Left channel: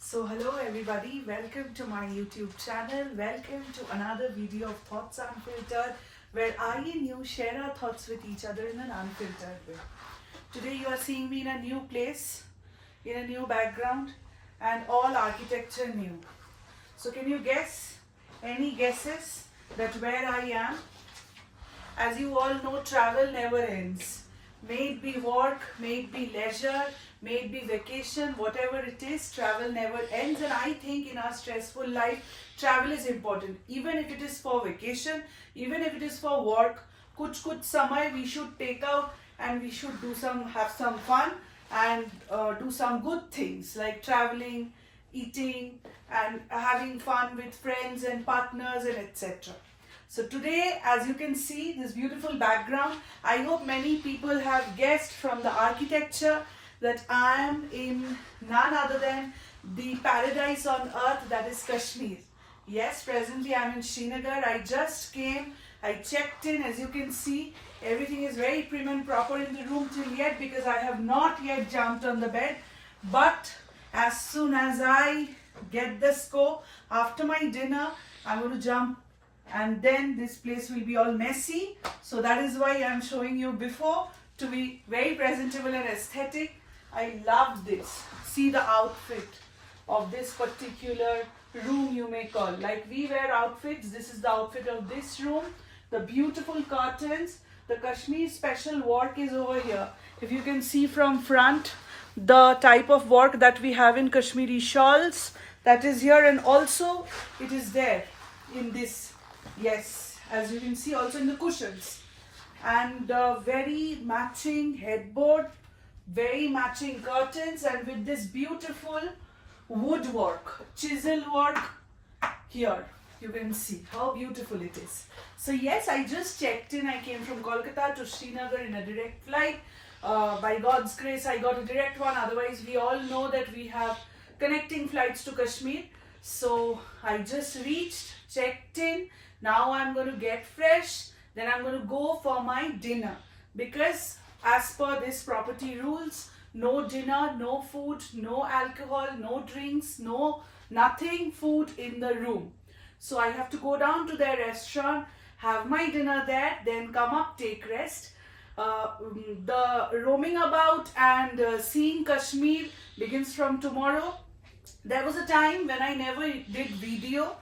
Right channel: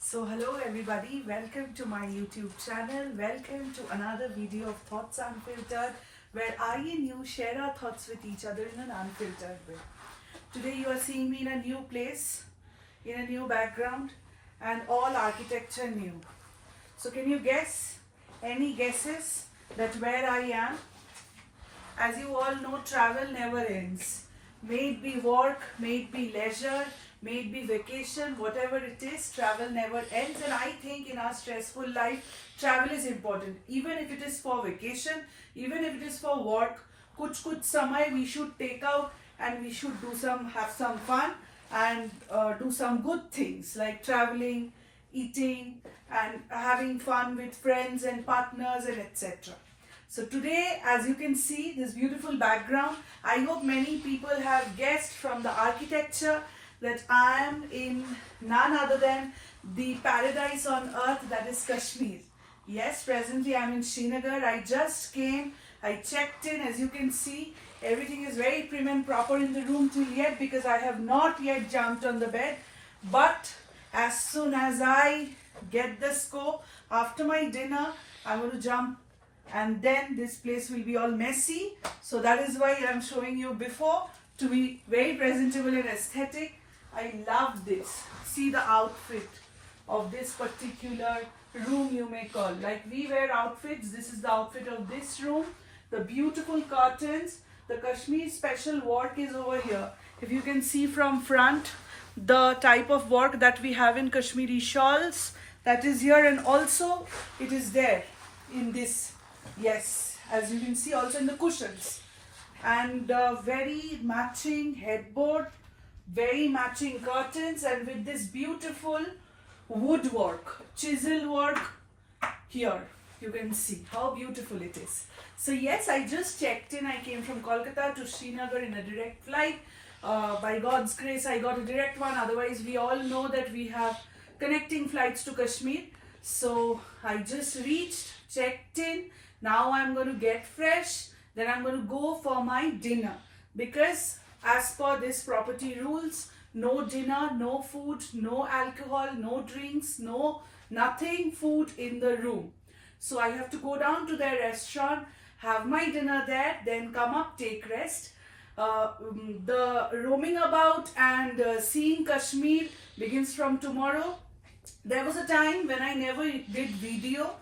So hello everybody, welcome to my YouTube channel, welcome to another video of Thoughts Unfiltered, where I and you share our thoughts with each other in an unfiltered way. Today you are seeing me in a new place, in a new background, and all architecture new. So can you guess, any guesses that where I am? As you all know, travel never ends. May it be work, may it be leisure, may it be vacation, whatever it is, travel never ends. And I think in our stressful life, travel is important. Even if it is for vacation, even if it is for work, kuch samay we should take out and we should have some fun and do some good things like traveling, eating, and having fun with friends and partners and etc. So today, as you can see, this beautiful background, I hope many people have guessed from the architecture that I am in none other than the paradise on earth, that is Kashmir. Yes, presently I am in Srinagar. I just came, I checked in. As you can see, everything is very prim and proper in the room till yet because I have not yet jumped on the bed. But as soon as I get the scope, after my dinner, I'm going to jump and then this place will be all messy. So that is why I'm showing you before to be very presentable and aesthetic. I love this. See the outfit of this particular room, you may call. Like we wear outfits, this is the outfit of this room. The beautiful curtains, the Kashmir special work is over here. If you can see from front, the type of work that we have in Kashmiri shawls, that is here, and also it is there in this. Yes, as you can see also in the cushions, and very matching headboard, very matching curtains, and with this beautiful woodwork, chisel work here. You can see how beautiful it is. So yes, I just checked in. I came from Kolkata to Srinagar in a direct flight. By God's grace, I got a direct one. Otherwise, we all know that we have connecting flights to Kashmir. So I just reached, checked in. Now I'm going to get fresh, then I'm going to go for my dinner, because as per this property rules, no dinner, no food, no alcohol, no drinks, no nothing food in the room. So I have to go down to their restaurant, have my dinner there, then come up, take rest. The roaming about and seeing Kashmir begins from tomorrow. There was a time when I never did video.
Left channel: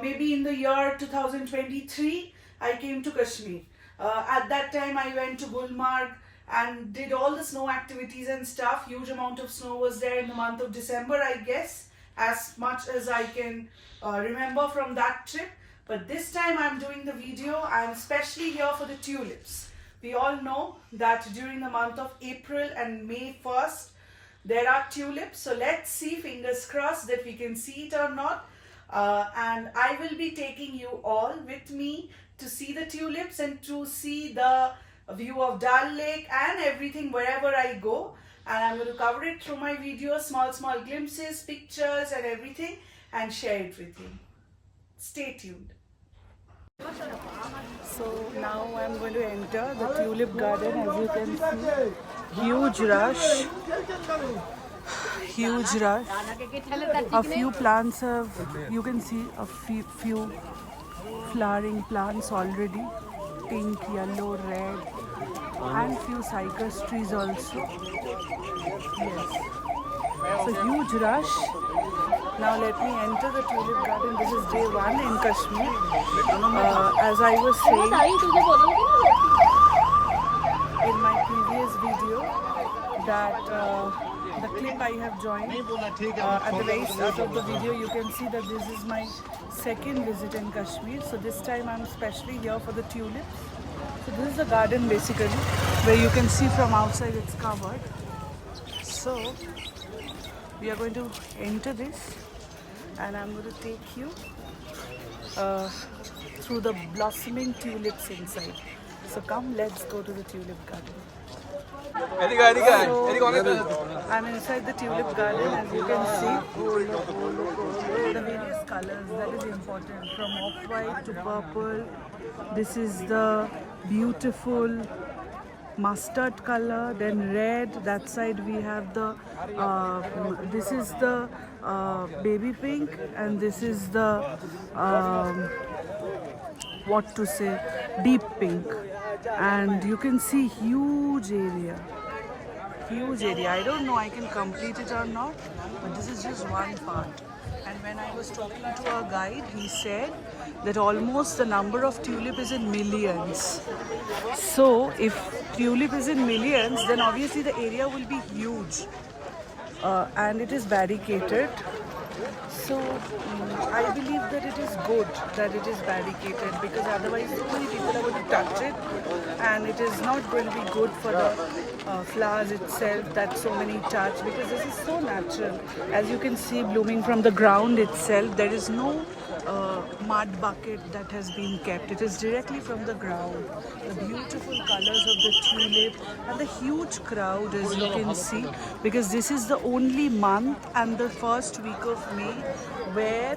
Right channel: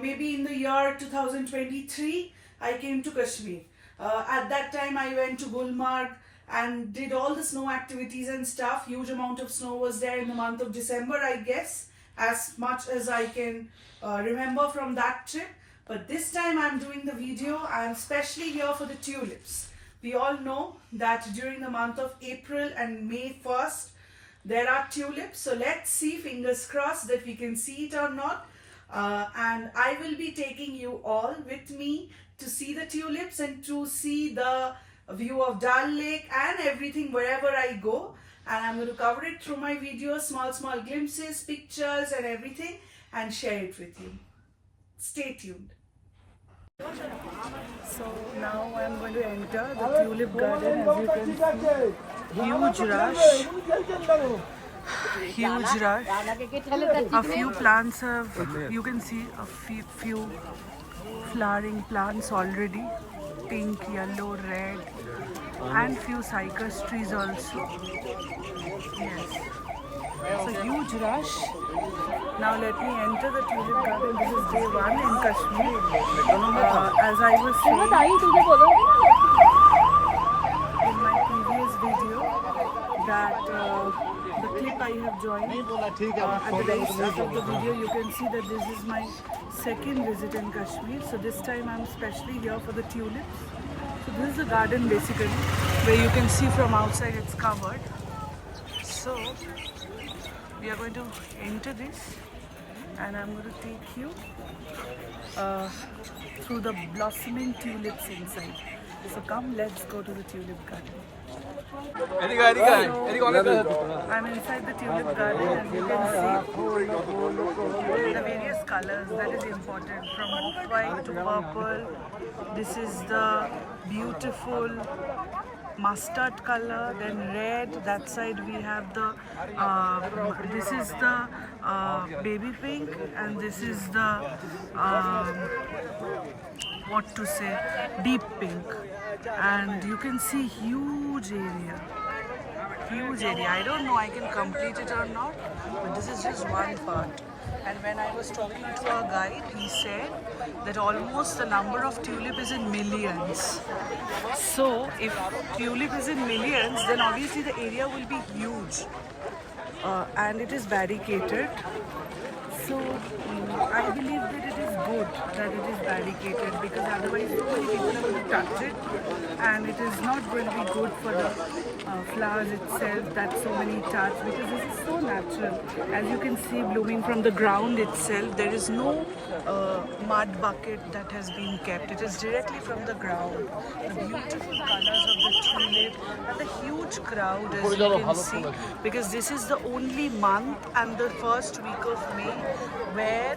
Maybe in the year 2023, I came to Kashmir. At that time, I went to Gulmarg and did all the snow activities and stuff. Huge amount of snow was there in the month of December, I guess, as much as I can remember from that trip. But this time I'm doing the video. I'm especially here for the tulips. We all know that during the month of April and May 1st, there are tulips. So let's see, fingers crossed, that we can see it or not. And I will be taking you all with me to see the tulips and to see the view of Dal Lake and everything wherever I go. And I'm going to cover it through my video, small glimpses, pictures and everything, and share it with you. Stay tuned. So now I'm going to enter the tulip garden. As you can see, huge rush. A few plants have, you can see a few flowering plants already, pink, yellow, red, and few cypress trees also. Yes, it's a huge rush. Now let me enter the tulip garden. This is day 1 in Kashmir. As I was saying in my previous video, that the clip I have joined at the very start of the video, you can see that this is my second visit in Kashmir. So this time I'm especially here for the tulips. So this is the garden basically, where you can see from outside it's covered. So we are going to enter this, and I'm going to take you through the blossoming tulips inside. So come, let's go to the tulip garden. So, I'm inside the tulip garden. As you can see, the various colors, that is important, from off-white to purple. This is the beautiful mustard color, then red. That side we have the this is the baby pink, and this is the what to say, deep pink. And you can see huge area, huge area. I don't know I can complete it or not, but this is just one part. And when I was talking to our guide, he said that almost the number of tulip is in millions. So if tulip is in millions, then obviously the area will be huge. And it is barricaded. So I believe that it is good that it is barricaded, because otherwise so many people are going to touch it, and it is not going to be good for the flowers itself that so many touch, because this is so natural. As you can see, blooming from the ground itself, there is no mud bucket that has been kept. It is directly from the ground. The beautiful colors of the tulip and the huge crowd, as you can see, because this is the only month and the first week of May where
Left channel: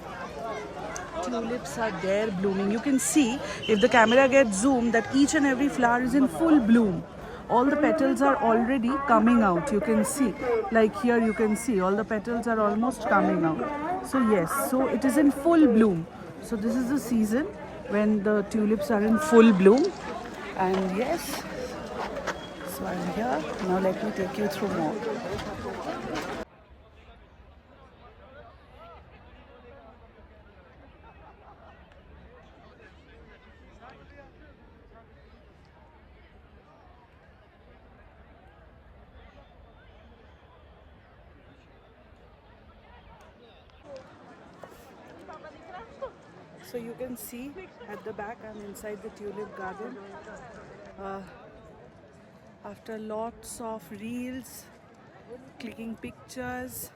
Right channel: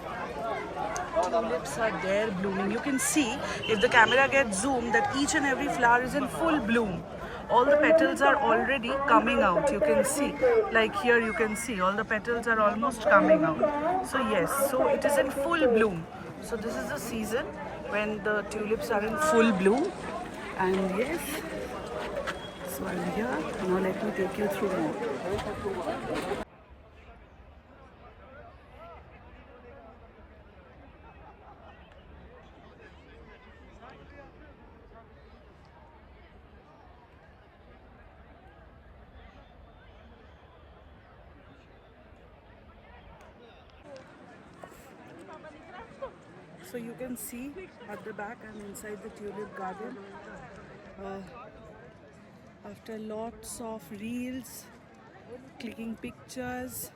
tulips are there blooming. You can see, if the camera gets zoomed, that each and every flower is in full bloom. All the petals are already coming out. You can see, like here you can see all the petals are almost coming out. So yes, so it is in full bloom. So this is the season when the tulips are in full bloom. And yes, so I'm here. Now let me take you through more. So you can see at the back, I'm inside the tulip garden. After lots of reels, clicking pictures,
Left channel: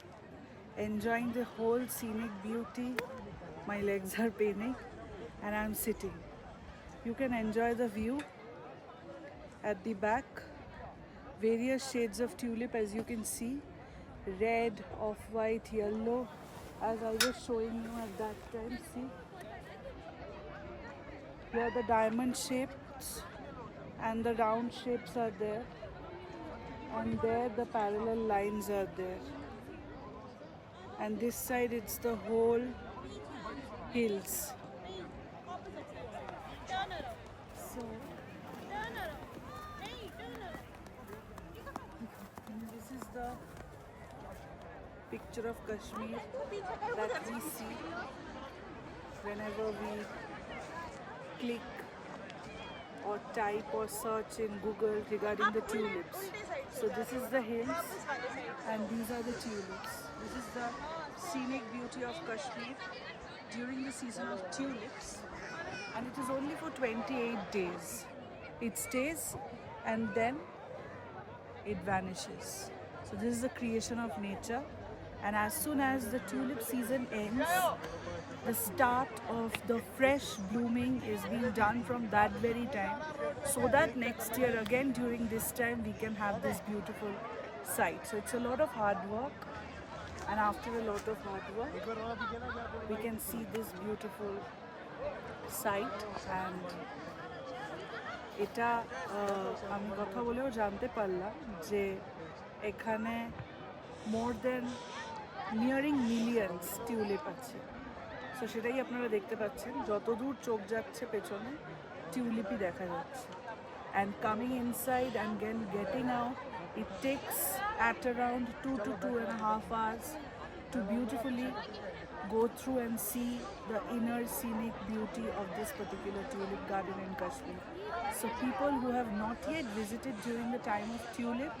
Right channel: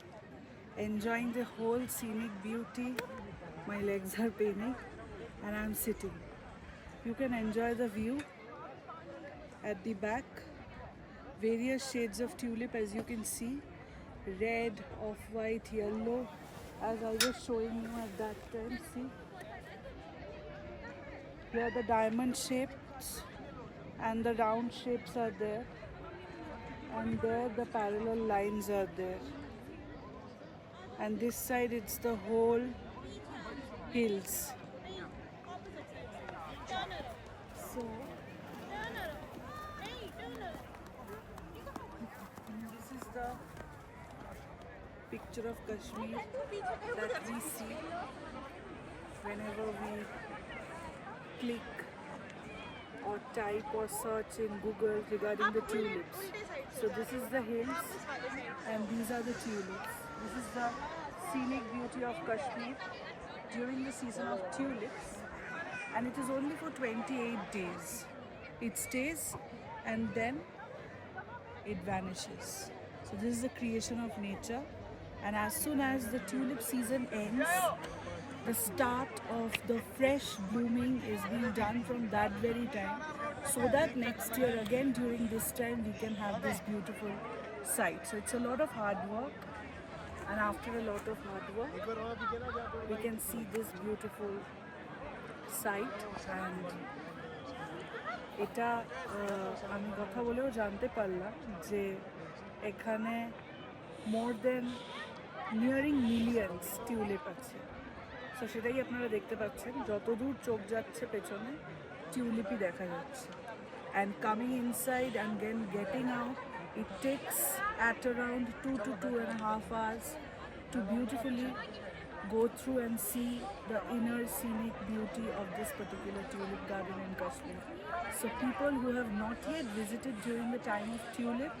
enjoying the whole scenic beauty, my legs are paining and I'm sitting. You can enjoy the view at the back. Various shades of tulip, as you can see, red, off-white, yellow, as I was showing you at that time. See, here the diamond shapes and the round shapes are there, and there the parallel lines are there, and this side it's the whole hills. So this is the picture of Kashmir that we see whenever we click or type or search in Google regarding the tulips. So this is the hills and these are the tulips. This is the scenic beauty of Kashmir during the season of tulips, and it is only for 28 days. It stays and then it vanishes. So this is the creation of nature, and as soon as the tulip season ends, the start of the fresh blooming is being done from that very time, so that next year again during this time we can have this beautiful sight. So it's a lot of hard work, and after a lot of hard work we can see this beautiful sight. And এটা আমি কথা বলেও জানতে পারলাম যে এখানে মোর দেন nearing millions tulip আছে। So সেটাই আপনারা দেখতে পাচ্ছেন, যতদূর চোখ যাচ্ছে পেছনে টিউলিপই দেখা যাচ্ছে। And coming inside and then getting out, it takes at around 2 to 2.5 hours to beautifully go through and see the inner scenic beauty of this particular tulip garden in Kashmir. So people who have not yet visited during the time of tulip,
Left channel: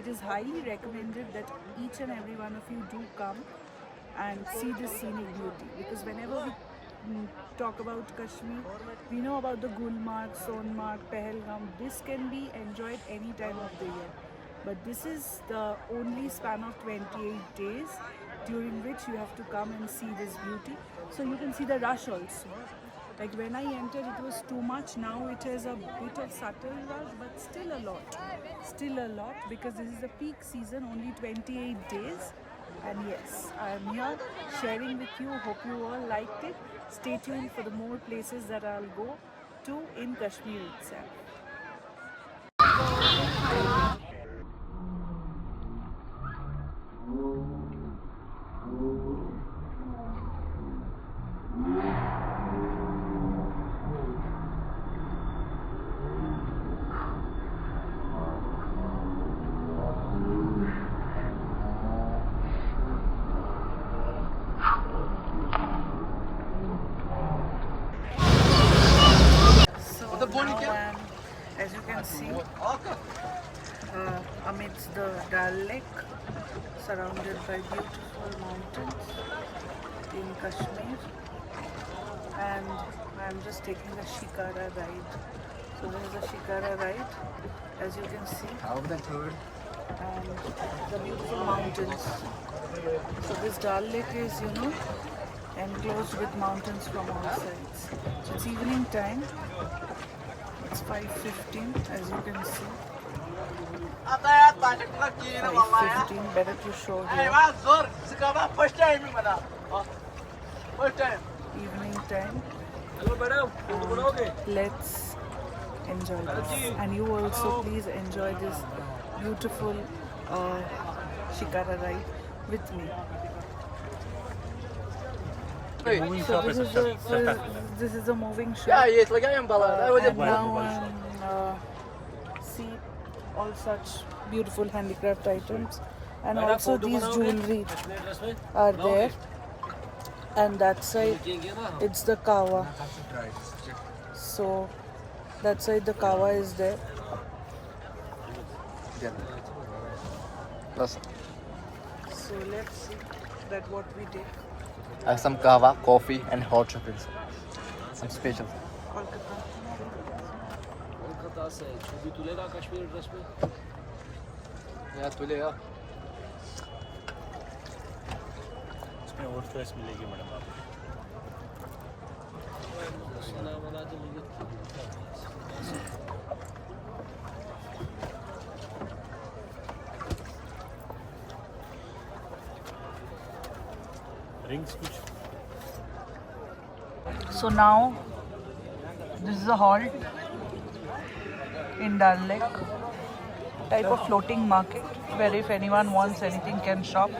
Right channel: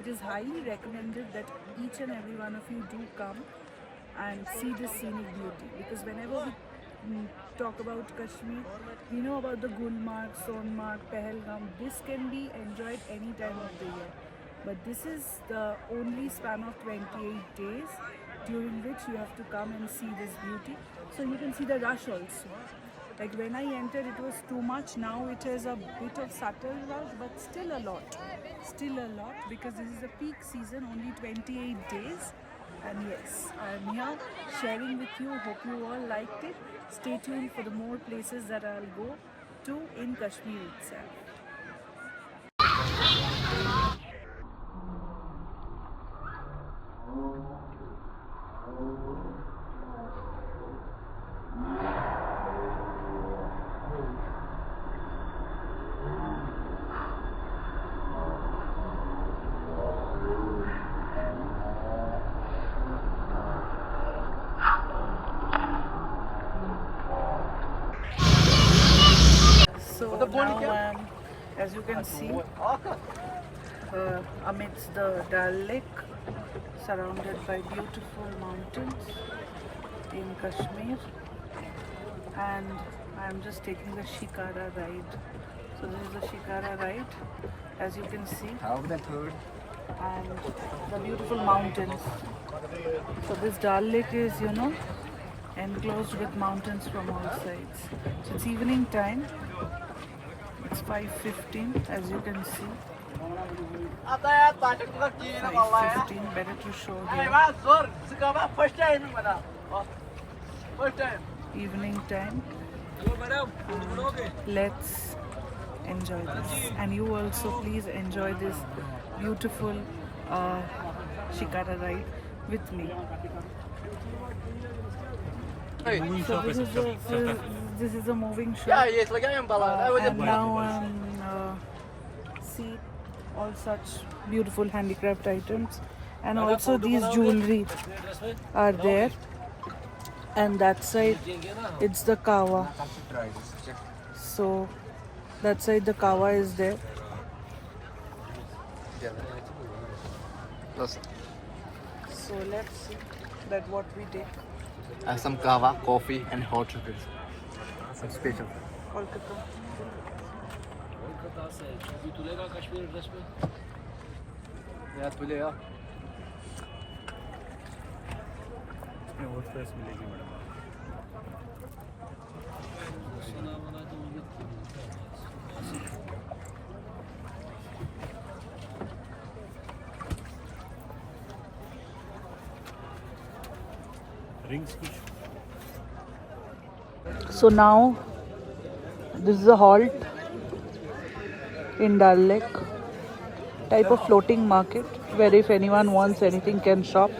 it is highly recommended that each and every one of you do come and see this scenic beauty, because whenever we talk about Kashmir, we know about the Gulmarg, Sonmarg, Pahalgam. This can be enjoyed any time of the year, but this is the only span of 28 days during which you have to come and see this beauty. So you can see the rush also. Like when I entered it was too much, now it is a bit of subtle rush, but still a lot, because this is the peak season, only 28 days. And yes, I am here sharing with you. Hope you all liked it. Stay tuned for the more places that I'll go to in Kashmir itself. can see, amidst the Dal Lake, surrounded by beautiful mountains in Kashmir, and I am just taking the Shikara ride. So this is the Shikara ride, as you can see, and the beautiful mountains. So this Dal Lake is, enclosed with mountains from all sides. So it's evening time. It's 5:15, as you can see. 5:15, better to show here. Evening time. And let's enjoy this. And you also please enjoy this beautiful Shikara ride with me. So this is a moving shot. And now see all such beautiful handicraft items, and also these jewelry are there. And that side it's the kawa. So that side the kawa is there. So let's see that what we did. I have some kava, coffee and hot chocolates. Some special. Yeah, तुलेगा. इसमें और choice मिलेगी madam आपको. Rings कुछ. So now this is a halt in Dal Lake, type of floating market where if anyone wants anything can shop.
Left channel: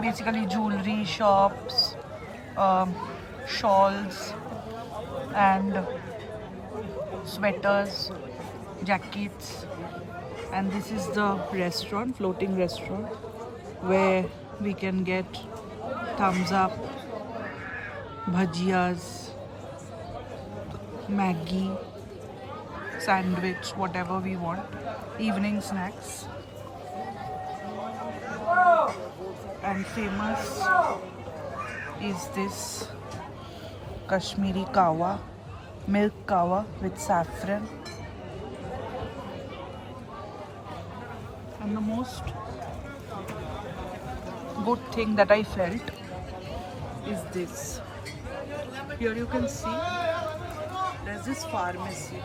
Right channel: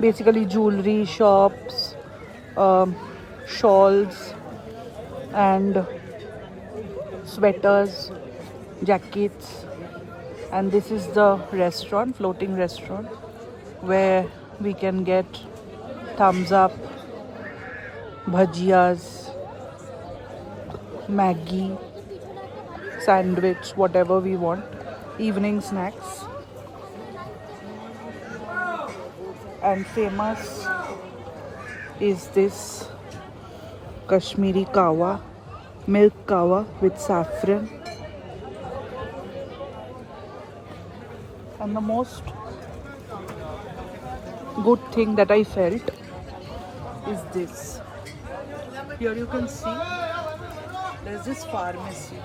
Basically jewelry shops, shawls and sweaters, jackets, and this is the restaurant, floating restaurant, where we can get thumbs up, bhajiyas, Maggi, sandwich, whatever we want, evening snacks. And famous is this Kashmiri kawa, milk kawa with saffron. And the most good thing that I felt is this. Here you can see there's this pharmacy.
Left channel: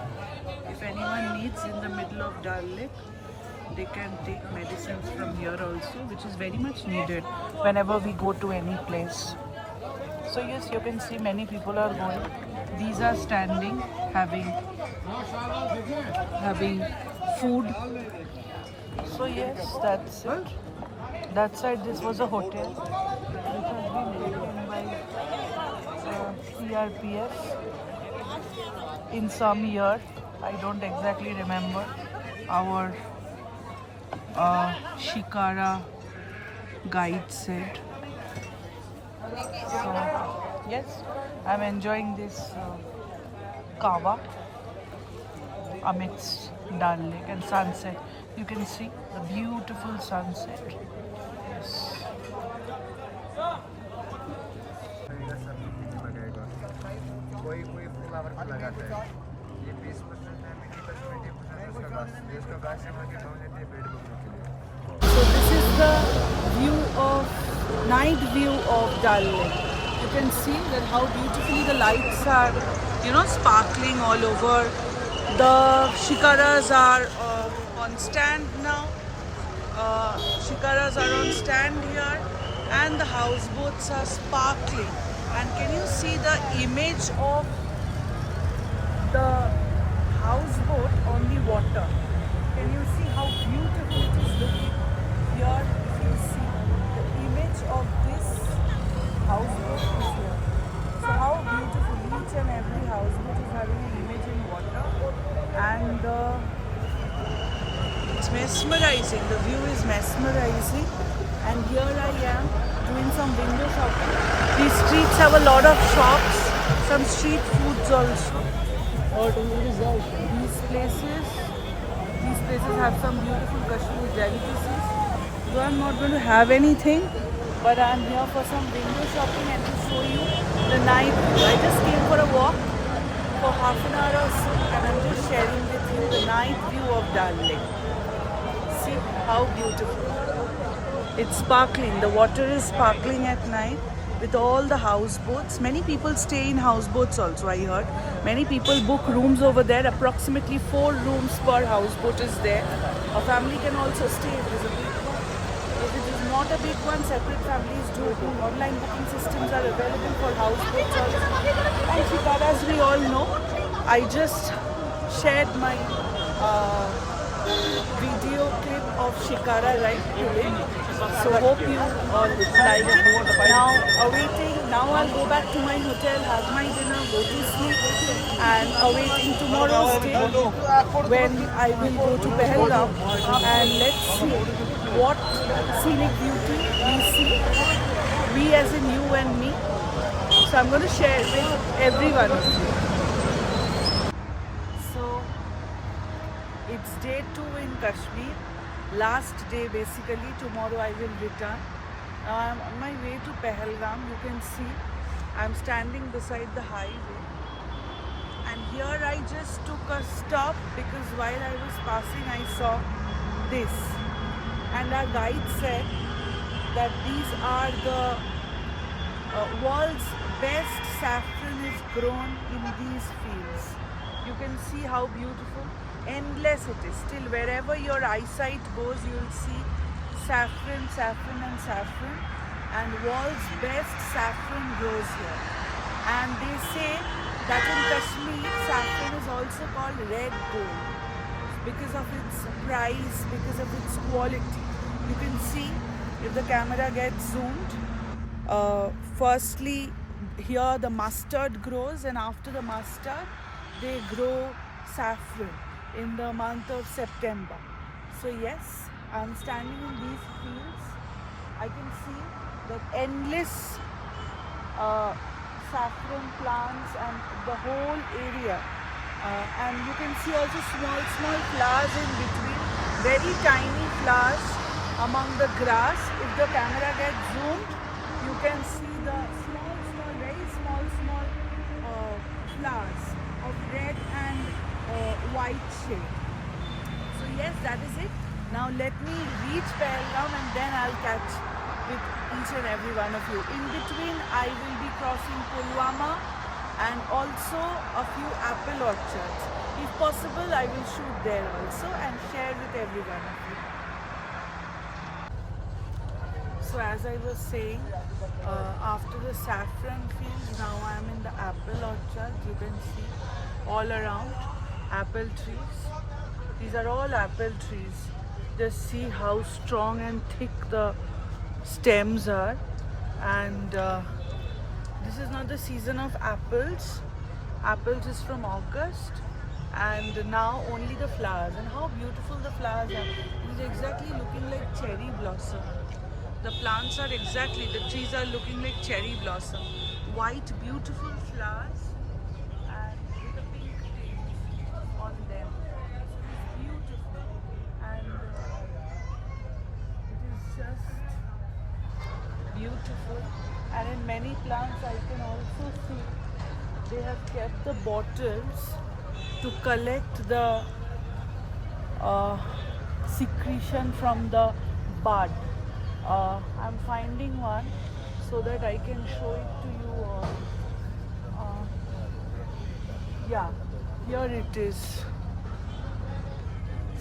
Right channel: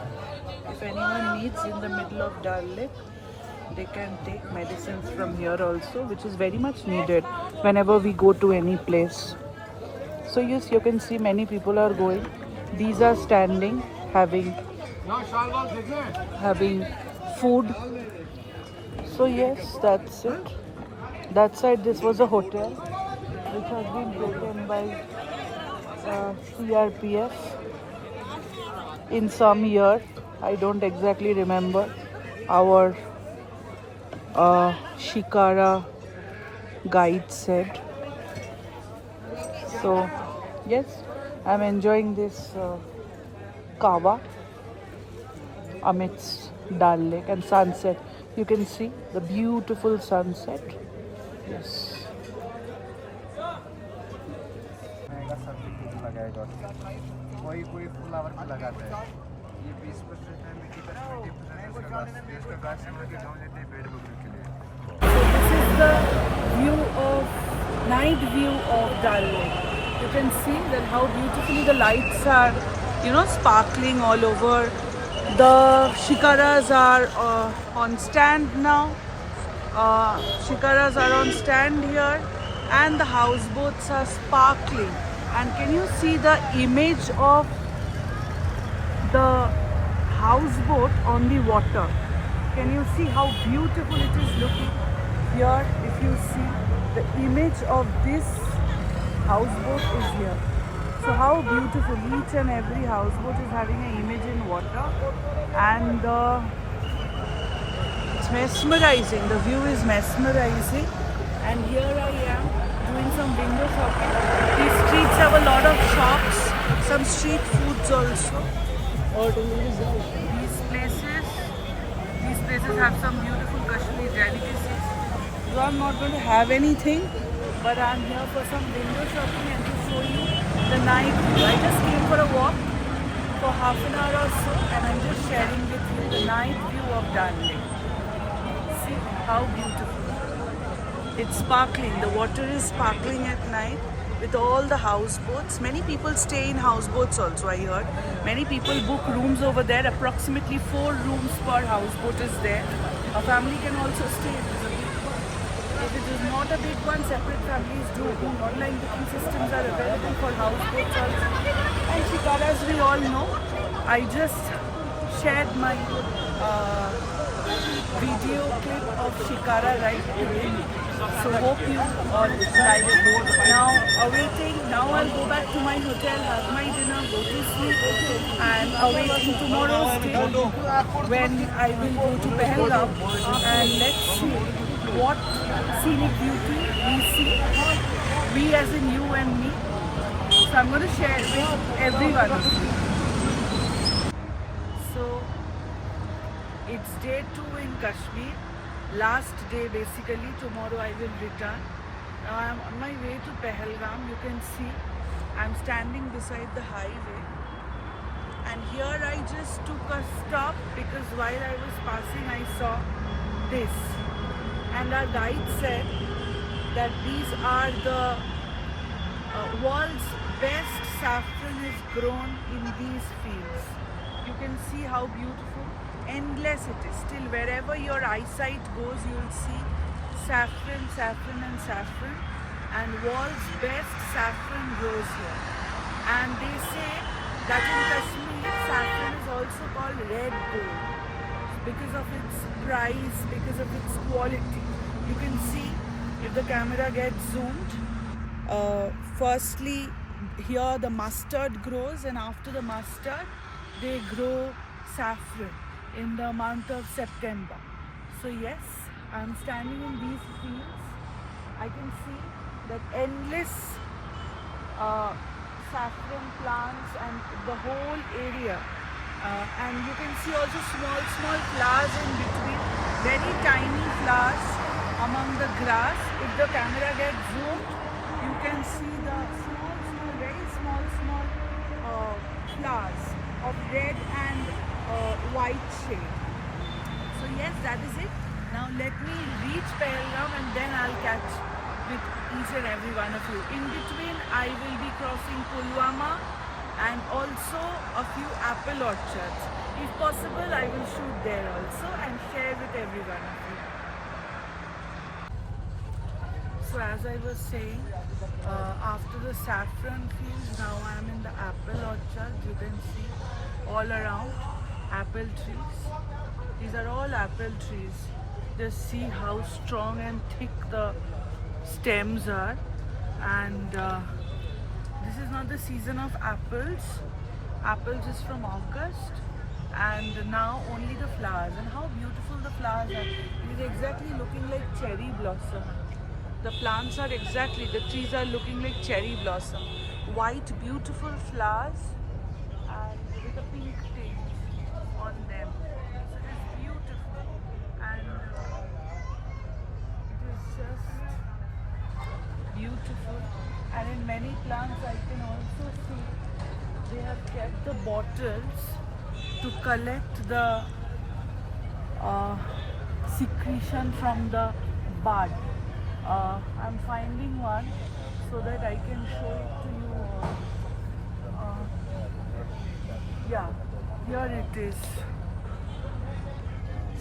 If anyone needs in the middle of Dal Lake, they can take medicines from here also, which is very much needed whenever we go to any place. So yes, you can see many people are going. These are standing, having food. So yes, that's it. That side, this was a hotel which has been taken by CRPS in some year. I don't exactly remember. Our Shikara guide said. So yes, I'm enjoying this kawa amidst Dal Lake and sunset. You can see the beautiful sunset. Yes. कोई flower पे लगाता है. ये 20% है, मिट्टी पर 20% है उसका घास. ये उसका घास से वहाँ के गाँव लेते हैं पेड़ बकरी के लिए. So this is the view of night view of Dal Lake. You can see that how beautifully the lights are, sparkling all over. The shikaras are on stand now. Shikaras are on stand here, and the houseboats are sparkling. And can you see the image of the houseboat on the water? Can you see how beautiful it is looking? Here, if you see the image of this houseboat is here. So how beautiful, each and every houseboat is having an image in water, and it's mesmerizing. The view is mesmerizing, and here I am doing some window shopping. These streets have a lot of shops, some street foods also. These places places have some beautiful Kashmiri delicacies. So I'm not going to have anything, but I'm here for some window shopping and to show you the night view. I just came for a walk for half an hour or so, and I'm just sharing with you the night view of Dal Lake. See how beautiful. It's sparkling. The water is sparkling at night with all the houseboats. Many people stay in houseboats also, I heard. Many people book rooms over there. Approximately 4 rooms per houseboat is there. A family can also stay if it is a big one. If it is not a big one, separate families do. Online booking systems are available for houseboats also. And Shikara, as we all know, I just shared my video clip of Shikara right today. So hope you all like it. Now awaiting, now I'll go back to my hotel, have my dinner, go to sleep, and awaiting tomorrow's day when I will go to Pahalgam, and let's see what scenic beauty we see, we as in you and me. So I'm going to share with everyone of you. So it's day 2 in Kashmir. Last day basically. Tomorrow I will return. I'm on my way to Pahalgam. You can see I'm standing beside the highway, and here I just took a stop because while I was passing I saw this, and our guide said that these are the world's best saffron is grown in these fields. You can see how beautiful, endless it is. Still, wherever your eyesight goes, you'll see saffron, saffron and saffron, and world's best saffron grows here. And they say that in Kashmir, saffron is also called red gold because of its price, because of its quality. You can see if the camera gets zoomed. Firstly, here the mustard grows, and after the mustard, they grow saffron in the month of September. So yes, I'm standing in these fields. I can see that endless saffron plants and the whole area. And you can see also small flowers in between, very tiny flowers among the grass. If the camera gets zoomed, you can see the very small flowers of red and white shade. So yes, that is it. Now let me reach Pahalgam and then I'll catch with each and every one of you. In between, I will be crossing Pulwama and also a few apple orchards. If possible, I will shoot there also and share with every one of you. So as I was saying, after the saffron fields, now I am in the apple orchard. You can see all around apple trees. These are all apple trees. Just see how strong and thick the stems are. And this is not the season of apples. Apples is from August, and now only the flowers. And how beautiful the flowers are. It is exactly looking like cherry blossom. The plants are exactly, the trees are looking like cherry blossom. White, beautiful flowers and with a pink tinge on them. So it is beautiful, and it is just beautiful. And in many plants I can also see they have kept the bottles to collect the secretion from the bud. I'm finding one so that I can show it to you all. Yeah, here it is.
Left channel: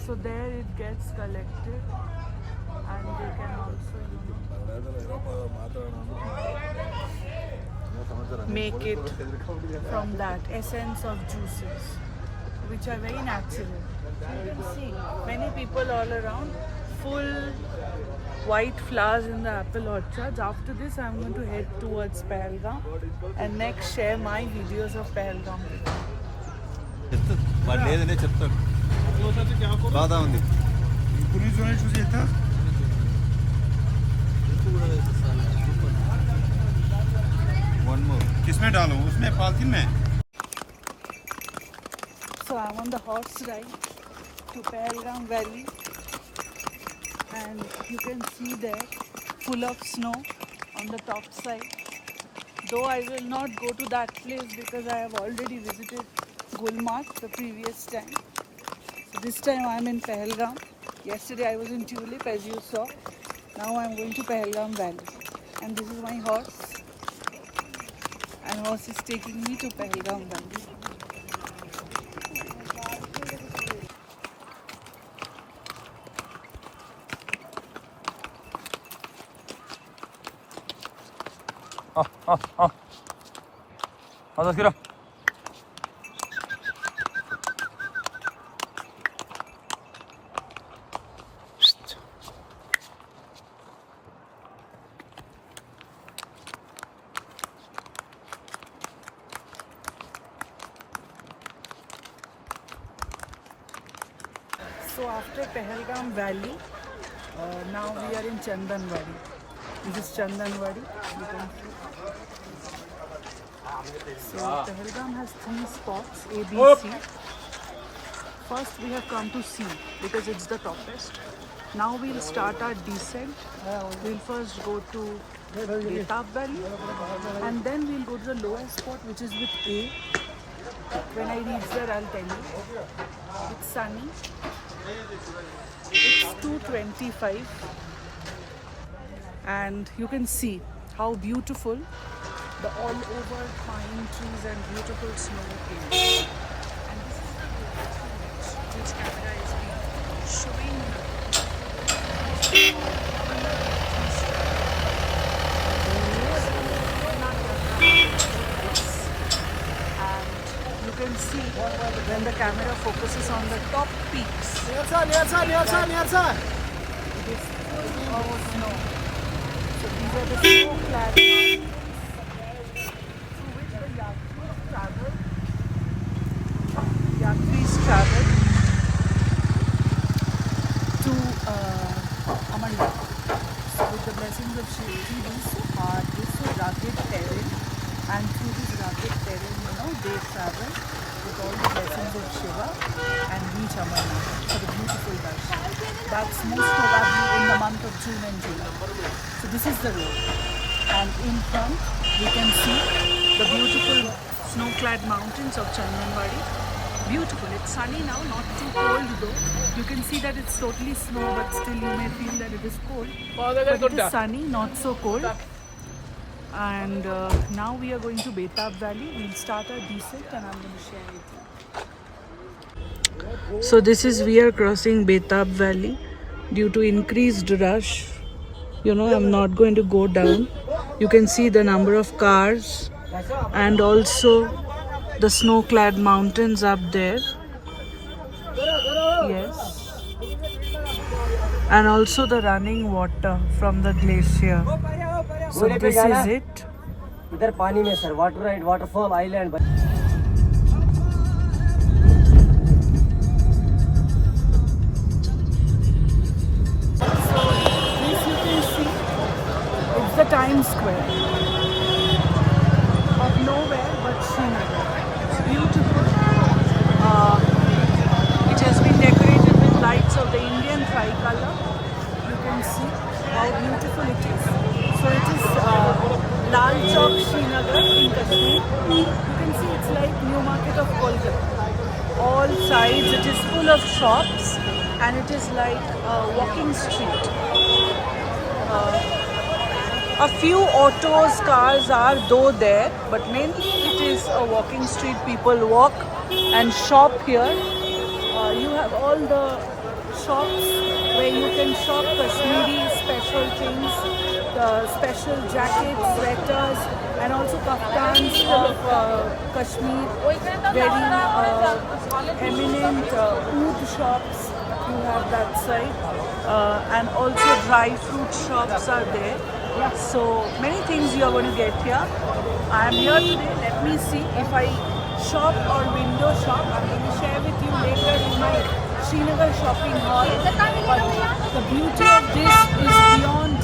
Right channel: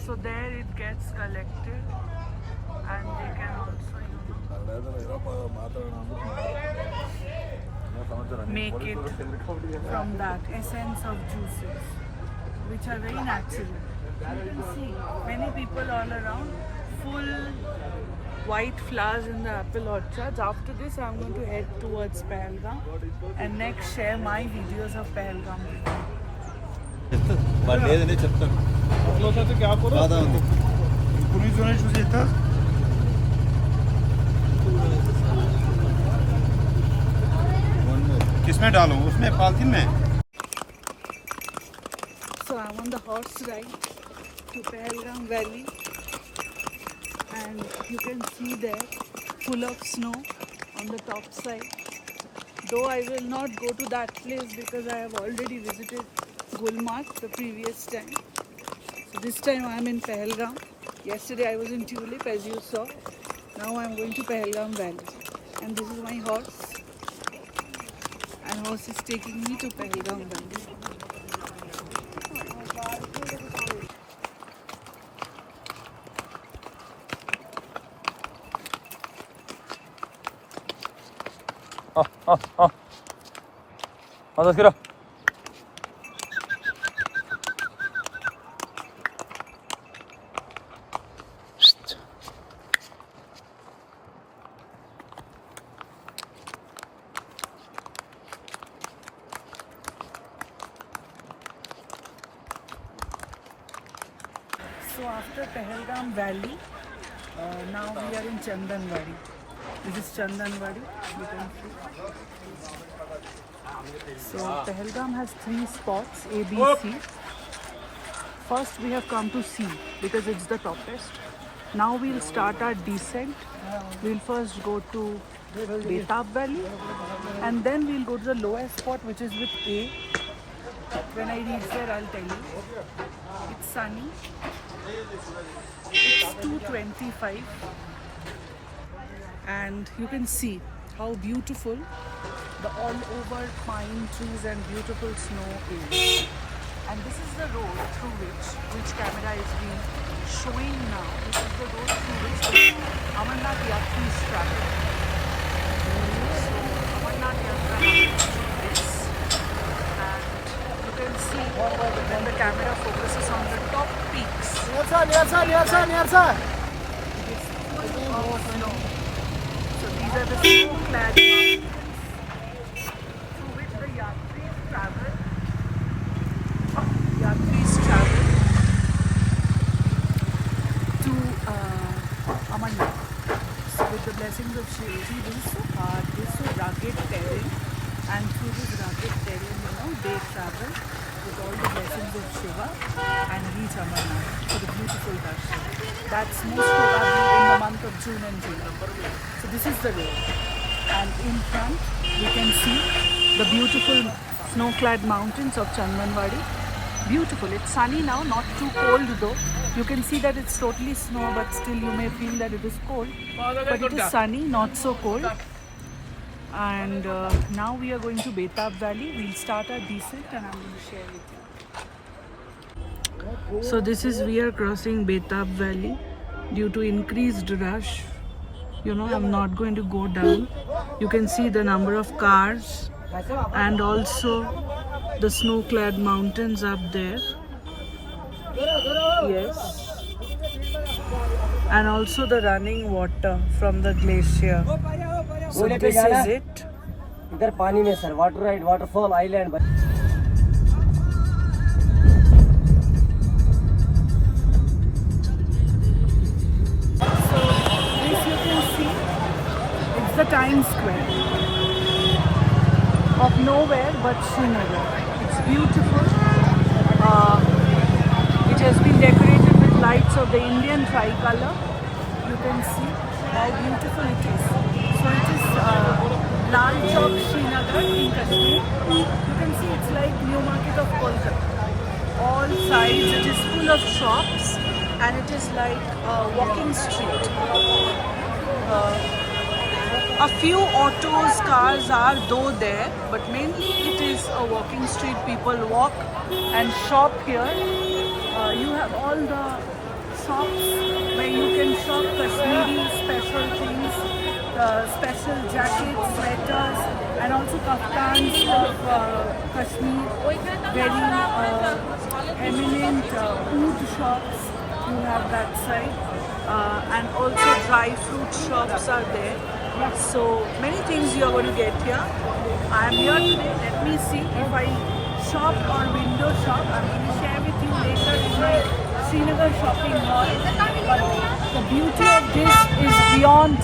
So there it gets collected, and they can also make it from that essence of juices, which are very natural. You can see many people all around, full white flowers in the apple orchards. After this, I'm going to head towards Pahalgam and next share my videos of Pahalgam with you. లేదనే చెప్తాను బాధ ఉంది किसमें डालो उसमें polythene में So I'm on the horse ride to Pahalgam Valley, and you can see there full of snow on the top side. Though I will not go to that place because I have already visited Gulmarg the previous time. So this time I am in Pahalgam. Yesterday I was in Tulip, as you saw. Now I am going to Pahalgam Valley, and this is my horse, and horse is taking me to Pahalgam Valley. Vamos, tira. So after Pahalgam Valley, now we are in Chandanwadi. This is Chandanwadi, you can see. So Pahalgam has 3 spots, A, B, C. First we have come to C because it's the toppest. Now we'll start our descent. We'll first go to Betab Valley, and then we'll go to the lowest spot, which is with A. When I reach there, I'll tell you. It's sunny. It's 2:25, and you can see how beautiful the all over pine trees and beautiful snow is. And this is the road through which camera is showing now. Amarnath Yatri's travel. Amarnath Yatra is, and you can see when the camera focuses on the top peaks. It is full of snow. So these are the snow-clad mountains through which the Yatris travel. To Amarnath. So with the blessings of Shivji, this is so hard, this is so rugged terrain, and through this rugged terrain, they travel with all the blessings of Shiva and reach Amarnath for the beautiful darshan. That's most probably in the month of June and July. So this is the road, and in front we can see the beautiful snow-clad mountains of Chandanwadi. Beautiful. It's sunny now, not too cold though. You can see that it's totally snow, but still you may feel that it is cold. But it is sunny, not so cold. And now we are going to Betab Valley. We'll start our descent, and I'm going to share with you. So this is, we are crossing Betab Valley due to increased rush. I'm not going to go down. You can see the number of cars and also the snow-clad mountains up there. Yes. And also the running water from the glacier. So this is it. इधर पानी में sir water ride waterfall island So this you can see, it's the Times Square of nowhere but Srinagar. It's beautiful. It has been decorated with lights of the Indian tricolor. You can see how beautiful it is. So it is Lal Chowk, Srinagar in Kashmir. You can see it's like New Market of Kolkata. All sides it is full of shops, and it is like a walking street. A few autos, cars are though there, but mainly it is a walking street. People walk and shop here. You have all the shops where you can shop Kashmiri special things, special jackets, sweaters, and also kaftans of Kashmir. Very eminent oud shops. You have that side, and also dry fruit shops are there. So many things you are going to get here. I am here today. Let me see if I shop or window shop. I'm going to share with you later in my Srinagar shopping hall. But the beauty of this is beyond